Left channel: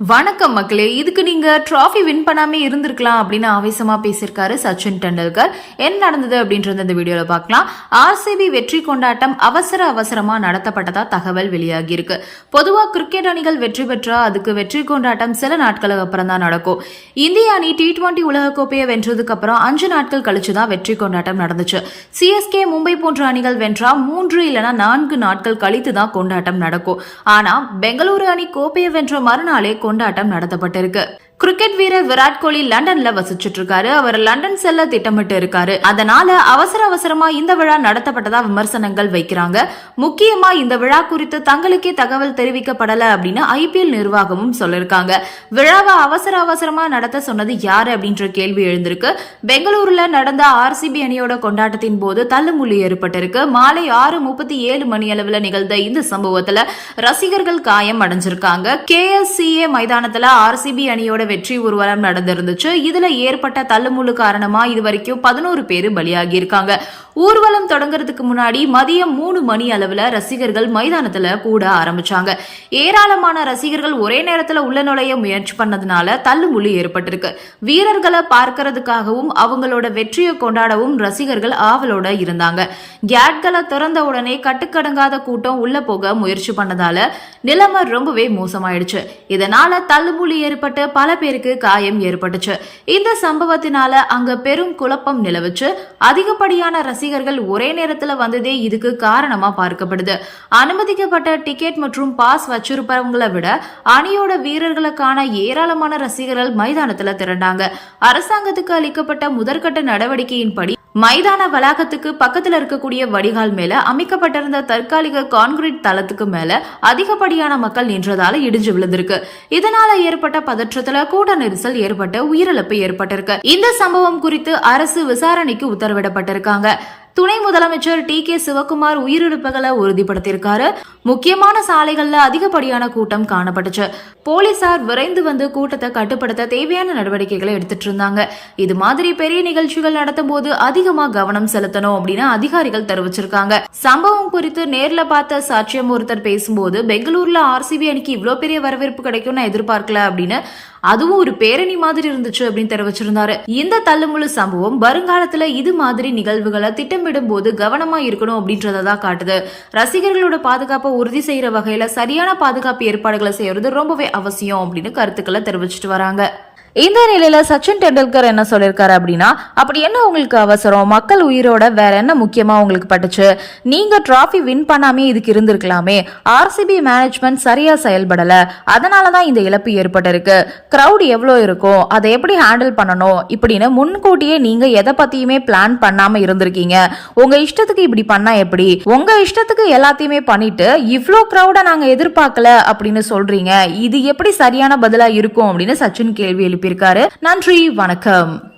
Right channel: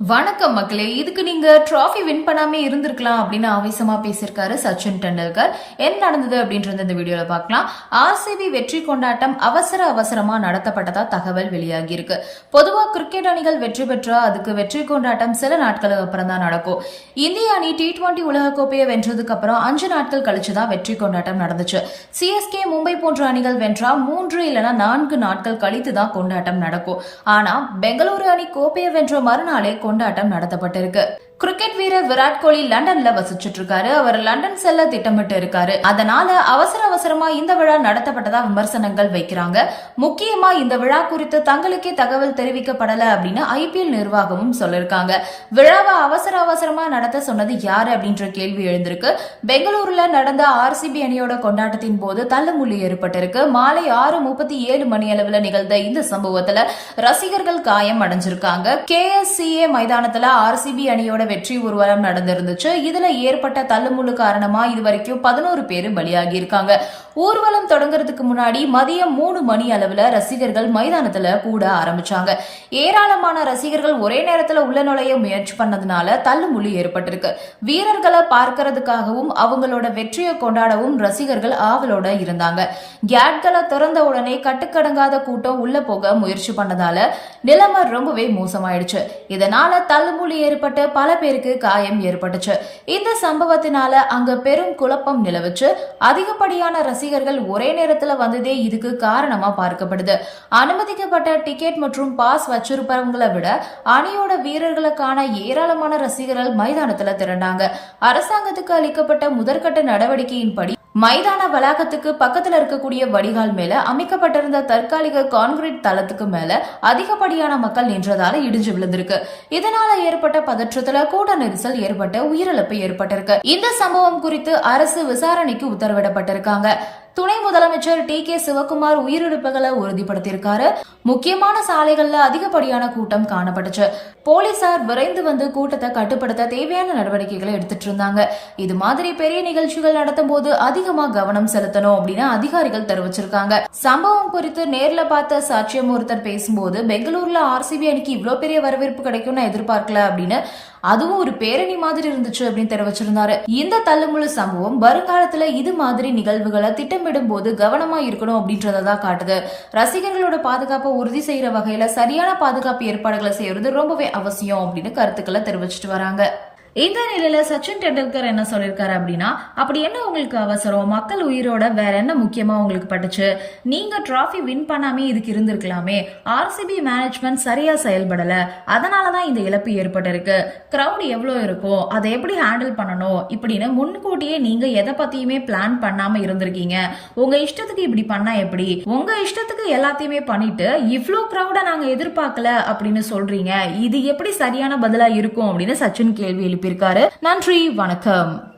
வணக்கம் மக்களே இதுக்கு நீங்க ட்ராஃபி வின் பண்ணாமே இருந்திருக்கலாம் அப்படின்னு ஆவேசமா பேசியிருக்காரு சச்சின் டெண்டுல்கர். என்ன நடந்தது அப்படின்றது இந்த வீடியோல பார்க்கலாம். ஆர்சிபி வெற்றி கொண்டாட்டம் அவசர அவசரமா நடத்தப்பட்டதா தகவல் வெளியாகி இருக்கு பொதுவா கிரிக்கெட் அணிகள் வெற்றி பெற்றா அதுக்கு வெற்றி கொண்டாட்டம் சில நாட்களுக்கு அப்புறம் தான் நடக்கும். இந்திய அணி டி டுவெண்டி உலகக்கோப்பையை வென்றதுக்கு அப்புறம் அஞ்சு நாட்கள் கழிச்சு தான் வெற்றி கொண்டாட்டம் நடந்துச்சு. சிஎஸ்கே மும்பை போன்ற அணிகள் வென்றா மூன்று இல்லைனா நான்கு நாட்கள் கழித்து தான் கொண்டாட்டம் நடக்கும். ஆனா பெங்களூரு அணி கோப்பையை வென்ற மறுநாளே கொண்டாட்டம் நடத்தப்பட்டிருக்கு கிரிக்கெட் வீரர் விராட் கோலி லண்டன்ல வசிச்சுட்டு இருக்காரு அவர் லண்டன் செல்ல திட்டமிட்டு இருக்காரு அதனால அவசர அவசரமா இந்த விழா நடத்தப்பட்டதா விமர்சனங்கள் வைக்கிறாங்க. முக்கியமா இந்த விழா குறித்து தங்களுக்கே தகவல் தெரிவிக்கப்படல அப்படின்னு ஐபிஎல் நிர்வாகமும் சொல்லிருக்காங்க. விழாவை அவசர அவசரமா நடத்த சொன்னது யாரு அப்படின்ற கேள்வி எழுந்திருக்கு. பெங்களூருல நடந்த ஆர்சிபி அணியோட கொண்டாட்டத்தின் போது தள்ளுமுள்ளி ஏற்பட்டிருக்கு. மாலை ஆறு முப்பத்தி ஏழு மணி அளவுல நிகழ்ந்த இந்த சம்பவத்துல ரசிகர்கள் காயம் அடைஞ்சிருக்காங்க. கேஎஸ்சிஏ மைதானத்துல ஆர்சிபி அணியோட வெற்றி ஊர்வலம் நடந்திருந்துச்சு. இதுல ஏற்பட்ட தள்ளுமுள்ளு காரணமா இது வரைக்கும் பதினோரு பேர் பலியாகி இருக்காங்க ஊர்வலம் தொடங்குறதுக்கு முன்னாடி மதியம் மூணு மணி அளவுல ரசிகர்கள் மைதானத்துல கூட ஆரம்பிச்சாங்க. ஏராளமான ரசிகர்கள் ஒரே நேரத்துல உள்ள நுழைய முயற்சி பண்ணதுனால தள்ளுமுள்ளி ஏற்பட்டிருக்கு. வீரர்களை பார்க்கறதுக்காகவும் அவங்களோட வெற்றியை கொண்டாடவும் ரசிகர்கள் ஆவலோட இருந்தாங்க. கேட்களை திறந்த உடனே கட்டுக்கடங்காத கூட்டம் உள்ள போக முயற்சி பண்ணதால நிலைமை ரொம்பவே மோசமாயிடுச்சு. இதனால தள்ளுமுள்ளி ஏற்பட்டு பல பேருக்கு காயம் ஏற்பட்டுச்சு. இந்த சம்பவத்தினால அங்க பெரும் குழப்பம் நிலவுச்சு. அதிகப்படியான ரசிகர்கள் ஒரே நேரத்துல வந்ததே இதுக்கு காரணமா பார்க்கப்படுது. அனுமதிக்கப்பட்ட டிக்கெட் மற்றும் பாஸ் வச்சிருப்பவங்களை விட அணியோட வீரர்களுக்கான ஏராளமான ரசிகர்கள் மைதானத்துல திரண்டாங்க. அரசாங்கத்துக்கு அளிக்கப்பட்ட முதற்கட்ட நடவடிக்கையின்படி மைதான வளாகத்துக்கு பக்கத்துல இருக்கக்கூடிய வடிகால் மேல அமைக்கப்பட்டிருந்த தற்காலிக கான்கிரீட் தளத்துக்கு மேல அதிகப்படியான மக்கள் நின்றதால இடிஞ்சு விழுந்திருக்கு. இதனால ஏற்பட்ட பதற்றத்துல கூட்ட நெரிசல் ஏற்பட்ட உயிரிழப்பு ஏற்பட்டிருக்கு. இந்த சம்பவம் குறித்து அரசு விசாரணைக்கு உத்தரவிடப்பட்டிருக்காங்க. துணை முதலமைச்சர் டி கே சிவகுமார் உயிரிழப்புகளை உறுதிப்படுத்தியிருக்காரு. முக்கியமான சாலைகள்ல அதிகப்படியான கூட்டம் காணப்பட்டுச்சு. போலீசார் விரைந்து வந்து கூட்டத்தை கட்டுப்படுத்த தேவையான நடவடிக்கைகளை எடுத்துட்டு இருந்தாங்க. இது மாதிரி பெரிய நிகழ்ச்சிகள் நடத்தும் போது அதிகமா கவனம் செலுத்தணும் அப்படின்னு அதிகாரிகள் தெரிவிச்சிருக்காங்க. சம்பவம் குறித்து நேர்ல பார்த்த சாட்சியம் ஒருத்தர் பேசும்போது பெங்களூர்ல ஆர்சிபி அணிக்கு இவ்வளவு பெரிய வரவேற்பு கிடைக்கும்னு எதிர்பார்க்கல அப்படின்னு அதுவும் ஒரு பேரணி மாதிரி இருந்துச்சு அப்படின்னு தெரிவிச்சிருந்தாரு. இந்த தள்ளுமுழு சம்பவம் வருங்காலத்துல இது மாதிரி நிகழ்வுகளை திட்டமிடும் போது கவனமா இருக்கணும் அப்படின்றதான் காட்டுது. ரசிகர்களோட பாதுகாப்பை உறுதி செய்யற வகையில சரியான பாதுகாப்பு ஏற்பாடுகளை செய்யறது ரொம்பவே அவசியம் அப்படின்னு கருத்துக்களை தெரிவிச்சிட்டு வராங்க. இந்த நிலையில சச்சின் டெண்டுல்கர் என்ன சொல்லியிருக்காரு அப்படின்னா அப்படி என்ன உங்களுக்கு அவசரம்? மக்கள் உயிரோட வேற என்ன முக்கியமா உங்களுக்கு பட்டுச்சு? நீங்க டிராஃபி வின் பண்ணாமே இதுக்கு இருந்திருக்கலாமே. ஆர்சிபி மேனேஜ்மெண்ட் சரியா செயல்படல. அதனாலதான் இந்த இழப்பு ஏற்பட்டிருக்கு. கிரவுட் எவ்வளோ இருக்கும் அதை எப்படி ஹேண்டில் பண்ணணும்? இப்படின்னு முன்கூட்டியே நீங்க எதை பத்தியுமே பிளான் பண்ணாம இருந்திருக்கீங்க. உங்க இஷ்டத்துக்கு இப்படி பண்ணா எப்படி? உங்க இஷ்டத்துக்கு எல்லாத்தையுமே பண்ணிட்டு இவ்வளோ கிரௌட நாங்க எதிர்பார்க்கல அப்படின்னு சொல்றீங்க. இது எப்படி சரியான பதிலா இருக்கும் அப்படின்னு சச்சின் கேள்வி எழுப்பியிருக்காரு நன்றி வணக்கம்.